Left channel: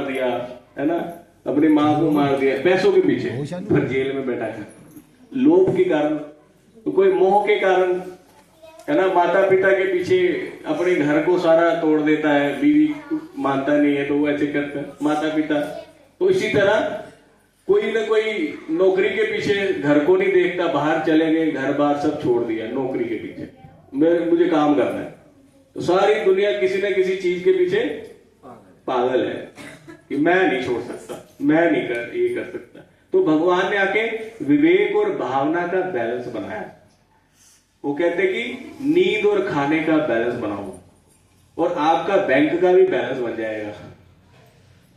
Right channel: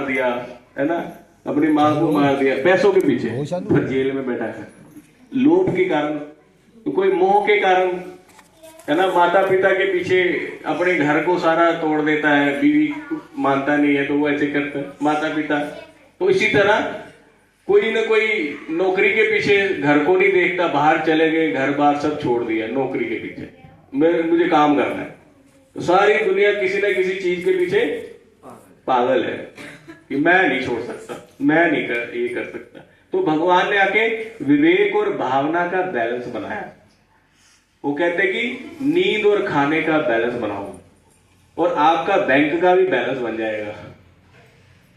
मार दिया, है ना, अपनी माँ को मार दिया पैसों के पीछे, फिर जेल में बैठा है लोभ के कारण, तो कोई मोह के कारण, है ना, माता पिता के पीछे अपने घर को सारा तोड़ देता है, बीवी मानता नहीं है तो वो ऐसे करता है माता पिता। तो इसी तरह कोई ना कोई नौकरी के पीछे घर को नहीं देखता, बाहर चले गए, घर बार सब छोड़ दिया नौकरी के पीछे, मुझे काम करना है। तो सारी दुनिया किसी न किसी चीज के पीछे पागल है कि मैं नहीं छोड़ सकता, मैं नहीं ये कर सकता। तो भगवान ने आके विवेक और भावना का बैलेंस बनाया। वो कहते कि नींद और खाने का बैलेंस बनाओ और आपका बैंक का भी बैलेंस बन जाएगा।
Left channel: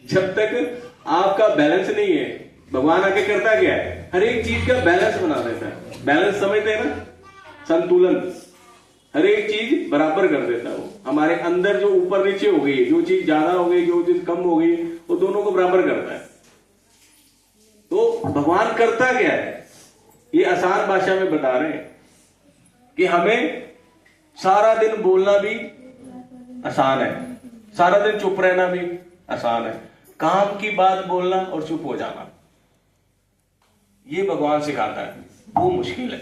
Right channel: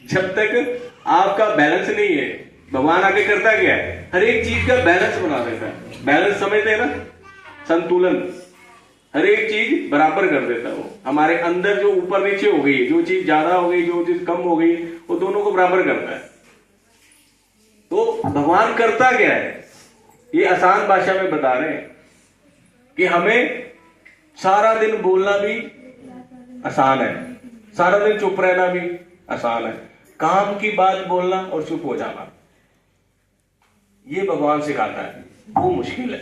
जब तक आपका बैलेंस नहीं है, भगवान आके करता क्या है, हर एक चीज का बैलेंस बना देता है। बैलेंस समझते हैं ना, संतुलन, हर एक चीज बराबर कर देता है। वो हमारे अंदर जो ऊपर नीचे हो गई, जो चीज ज्यादा हो गई, जो चीज कम हो गई, वो दोनों को बराबर करता है। तो भगवान करता क्या है, ये आसान भाषा में बता रहे हैं कि हमें सारा दिन बोलना भी आसान है, सारा दिन चुप रहना भी आसान है, काम की बात बोलना और चुप हो जाना ये भगवान सिखाता है, वो मुश्किल है।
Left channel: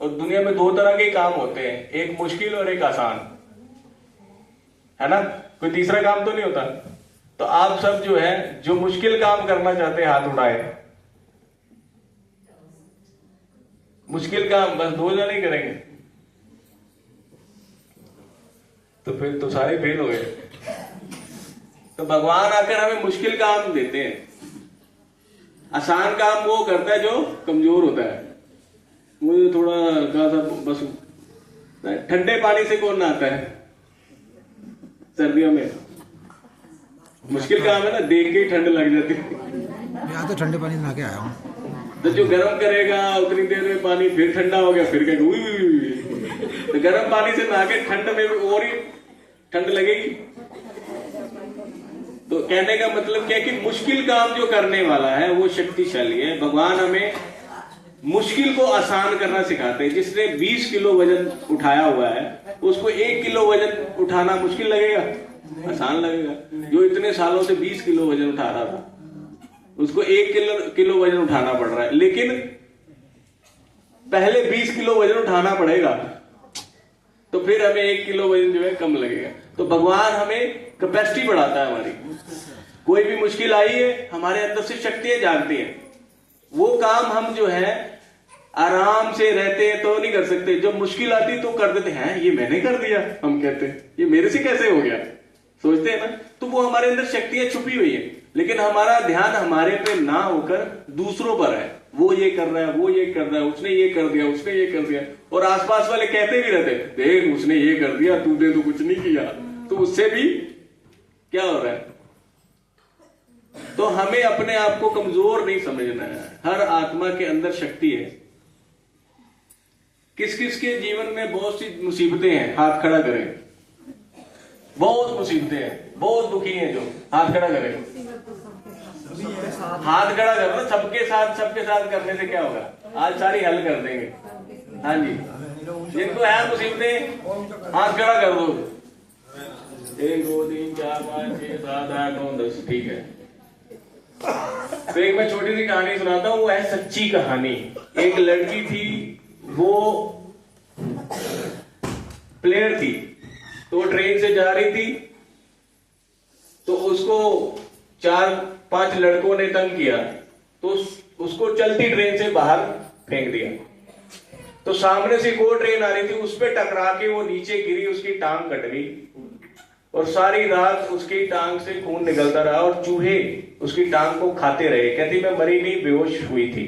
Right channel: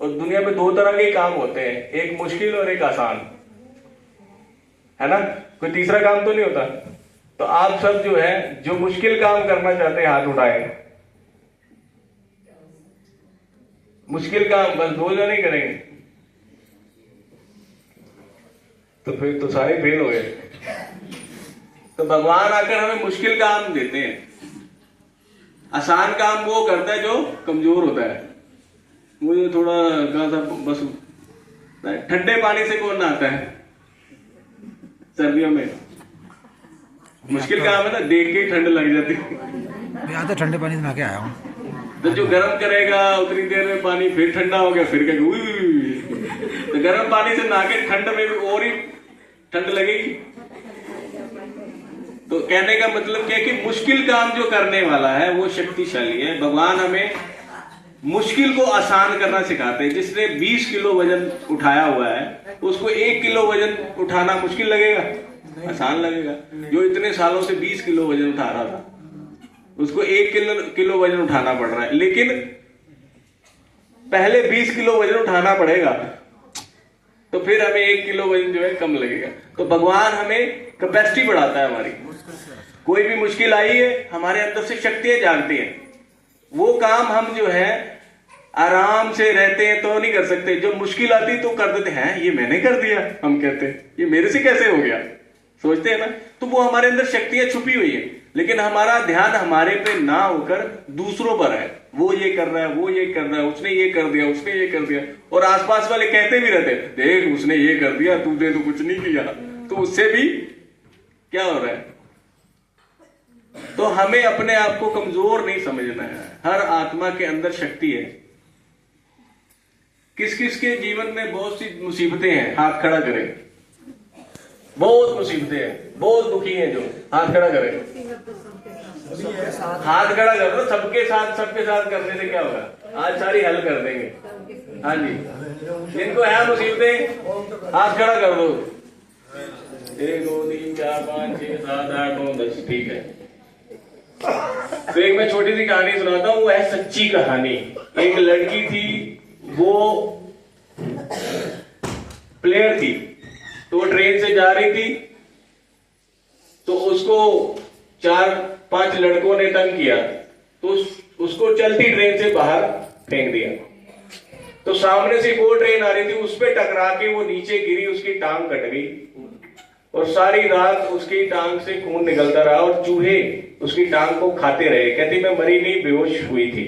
और दुनिया में दो तरह के काम होते हैं, एक मुश्किल और एक आसान, है ना, कोई तीसरा काम तो नहीं होता। तो आप सब जो है, जो मुश्किल काम करना चाहते हैं हाथ उठाए। मुश्किल काम बस 2 जने करेंगे तो फिर तो सारे फेल हो गए। तो भगवान आकर हमें मुश्किल काम देते हैं, आसान काम वो करता है जो कमजोर होता है। मुझे थोड़ा कहा था बस, ठंडे पानी से कौन नहाता है सर्दियों में, मुश्किल काम है ना, देख के ठंड लग जाती है। मैं तो ठंडे पानी से नहा के आया हूँ। तो जो गर्म करेगा उतनी देर में पानी फिर ठंडा हो गया, फिर क्या तो गर्म पानी से नहा के ठंड में और ही ठंड लगेगी। तो कहने का मतलब क्या है कि मुश्किल काम जो करने वाला है वो शक्तिशाली है। भगवान हमें मुश्किल को आसान करना सिखाते हैं। जिसने 20 किलो वजन उठाया हुआ है उसको 1 किलो वजन उठाना मुश्किल लगेगा, आसान लगेगा। जो इतने सालों से 20 किलो वजन उठा रहा था उसको 1 किलो वजन उठाना पड़ रहा है, लेकिन पहले 20 किलो वजन उठाना पड़ेगा तो फिर हमें 1 किलो वजन जो है कम लगेगा। तो भगवान हमें कैपेसिटी बढ़ाता है हमारी। कोई भी मुश्किल आई है, हमारे अंदर से शक्तियां जागती हैं। वो काम हम जो है आराम से रहते हैं तो नहीं कर सकते, जब मुश्किल आती तो कर देते हैं, ये मैंने कर दिया, हम कहते हैं ये मेरे से कैसे हो गया, सोचते हैं ना। तो वो हमारे अंदर शक्तियां छुपी हुई है, लेकिन हमारा ध्यान हमारे पे ना होकर दूसरों पर है। वो ये कर रहा है, वो ये कर रहा है, उसने ये कर दिया, उसने ये कर दिया, और आसपास वाले कहते भी रहते हैं देख उसने ये कर दिया, तूने तो कुछ नहीं किया। तो उससे भी क्या हो रहा है। तो हमें अपने आप को कमजोर नहीं समझना है। हर आत्मा के अंदर शक्ति है। किस किस के जीवन में बहुत सी मुसीबतें हैं, हाथ खड़ा करें। बहुत मुसीबतें हैं, बहुत दुखी हैं, जो हाथ खड़ा करें। हाथ खड़ा कर दो, सबके साथ करने से क्या होगा, आज सारी हल कर देंगे। हाँ जी, जिनको है मुसीबतें हाथ खड़ा कर दो। 1 2 3 4 5 6 7 8 9 10, ठीक है। तो एक मैं छोटी सी कहानी सुनाता हूँ, वो है सच्ची कहानी। एक लड़की थी, वो प्लेयर थी, तो वो ट्रेन से जा रही थी, तो उसको 4-5 लड़कों ने तंग किया, तो उसको चलती ट्रेन से बाहर फेंक दिया। तो सामने से एक और ट्रेन आ रही थी, उस पर टकरा के वो नीचे गिरी, उसकी टांग कट गई और सारी रात उसकी टांग से खून निकलता रहा और चूहे उसकी टांग को खाते रहे। कहती मैं मरी नहीं, बेहोश हुई थी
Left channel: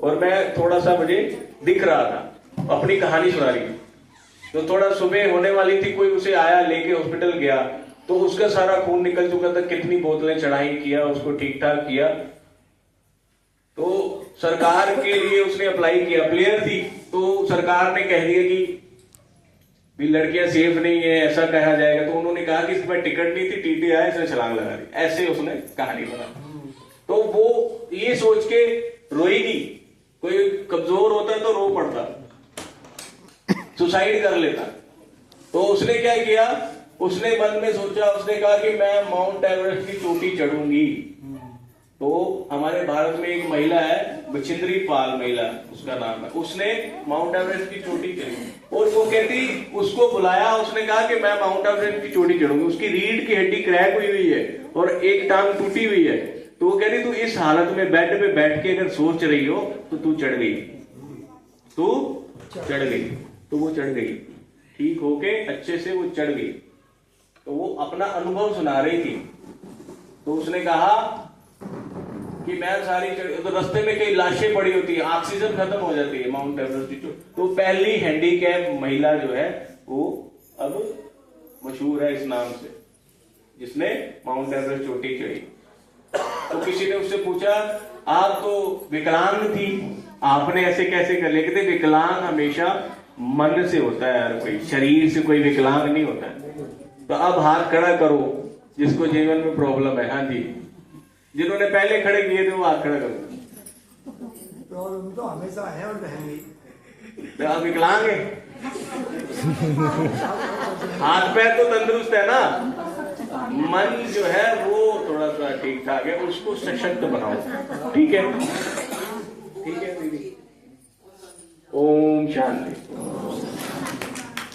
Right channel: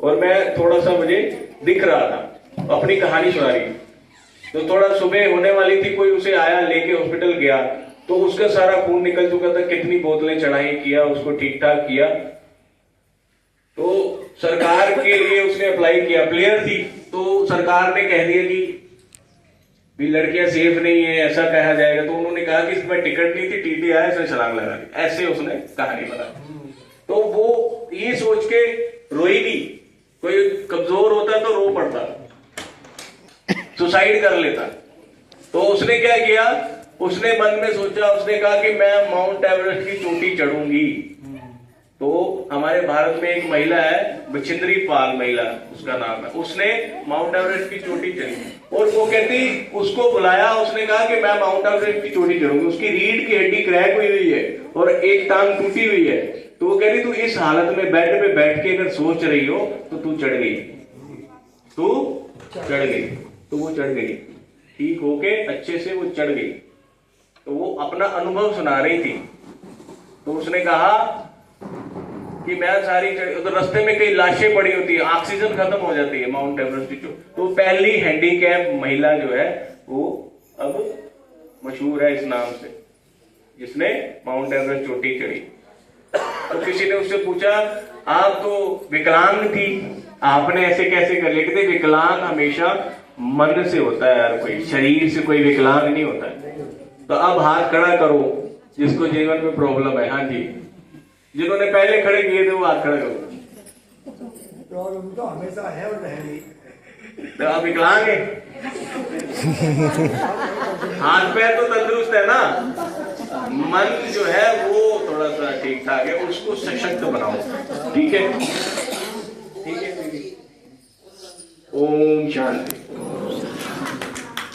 और मैं थोड़ा सा मुझे दिख रहा था। अपनी कहानी सुना रही। तो थोड़ा सुबह होने वाली थी, कोई उसे आया, लेके हॉस्पिटल गया, तो उसका सारा खून निकल चुका था। कितनी बोतलें चढ़ाई, किया, उसको ठीक ठाक किया। तो सरकार के लिए उसने अप्लाई किया, प्लेयर थी, तो सरकार ने कह दिया कि भी लड़कियां सेफ नहीं है, ऐसा कहा जाएगा। तो उन्होंने कहा कि इसमें टिकट नहीं थी, टीटी आया, इसने छलांग लगा दी। ऐसे उसने कहानी बनाई। तो वो ये सोच के रोई नहीं। कोई कमजोर होता तो रो पड़ता, सुसाइड कर लेता। तो उसने क्या किया, उसने मन में सोचा, उसने कहा कि मैं माउंट एवरेस्ट की चोटी चढ़ूंगी। तो हमारे भारत में एक महिला है, बछिंद्री पाल महिला उसका नाम है, उसने माउंट एवरेस्ट की चोटी चढ़ी और वो कहती, उसको बुलाया, उसने कहा कि मैं माउंट एवरेस्ट की चोटी चढ़ूंगी। उसकी रीढ़ की हड्डी क्रैक हुई है और एक टांग टूटी हुई है। तो वो कह रही, तू इस हालत में बेड पे बैठ के अगर सोच रही हो तो तू चढ़ गई, तू चढ़ गई। तो वो चढ़ गई, ठीक होके अच्छे से वो चढ़ गई। तो वो अपना अनुभव सुना रही थी। तो उसने कहा कि मैं सारी तो रास्ते में कई लाशें पड़ी होती है, ऑक्सीजन खत्म हो जाती है माउंट एवरेस्ट की। तो पहली हैंडीकैप महिला जो है वो अब मशहूर है इस नाम से, जिसने माउंट एवरेस्ट चोटी चढ़ी। तो किसी ने उससे पूछा, आप तो विकलांग थी, आपने ऐसे कैसे कर लिया? कहते विकलांग हमेशा मन से होता है, यार कोई शरीर से कोई विकलांग नहीं होता है। तो अब हाथ खड़ा करो जिसको जीवन में प्रॉब्लम है। हाँ जी, जिन्होंने पहले खड़े किए थे वो हाथ खड़ा करो। प्रॉब्लम तो हमेशा है और रहेगी। तो आप विकलांग है, हाथ पैर तो तंदुरुस्त है ना, मन जो है वो थोड़ा सा ठीक ठाक है, उसको सशक्त बनाओ। ठीक है।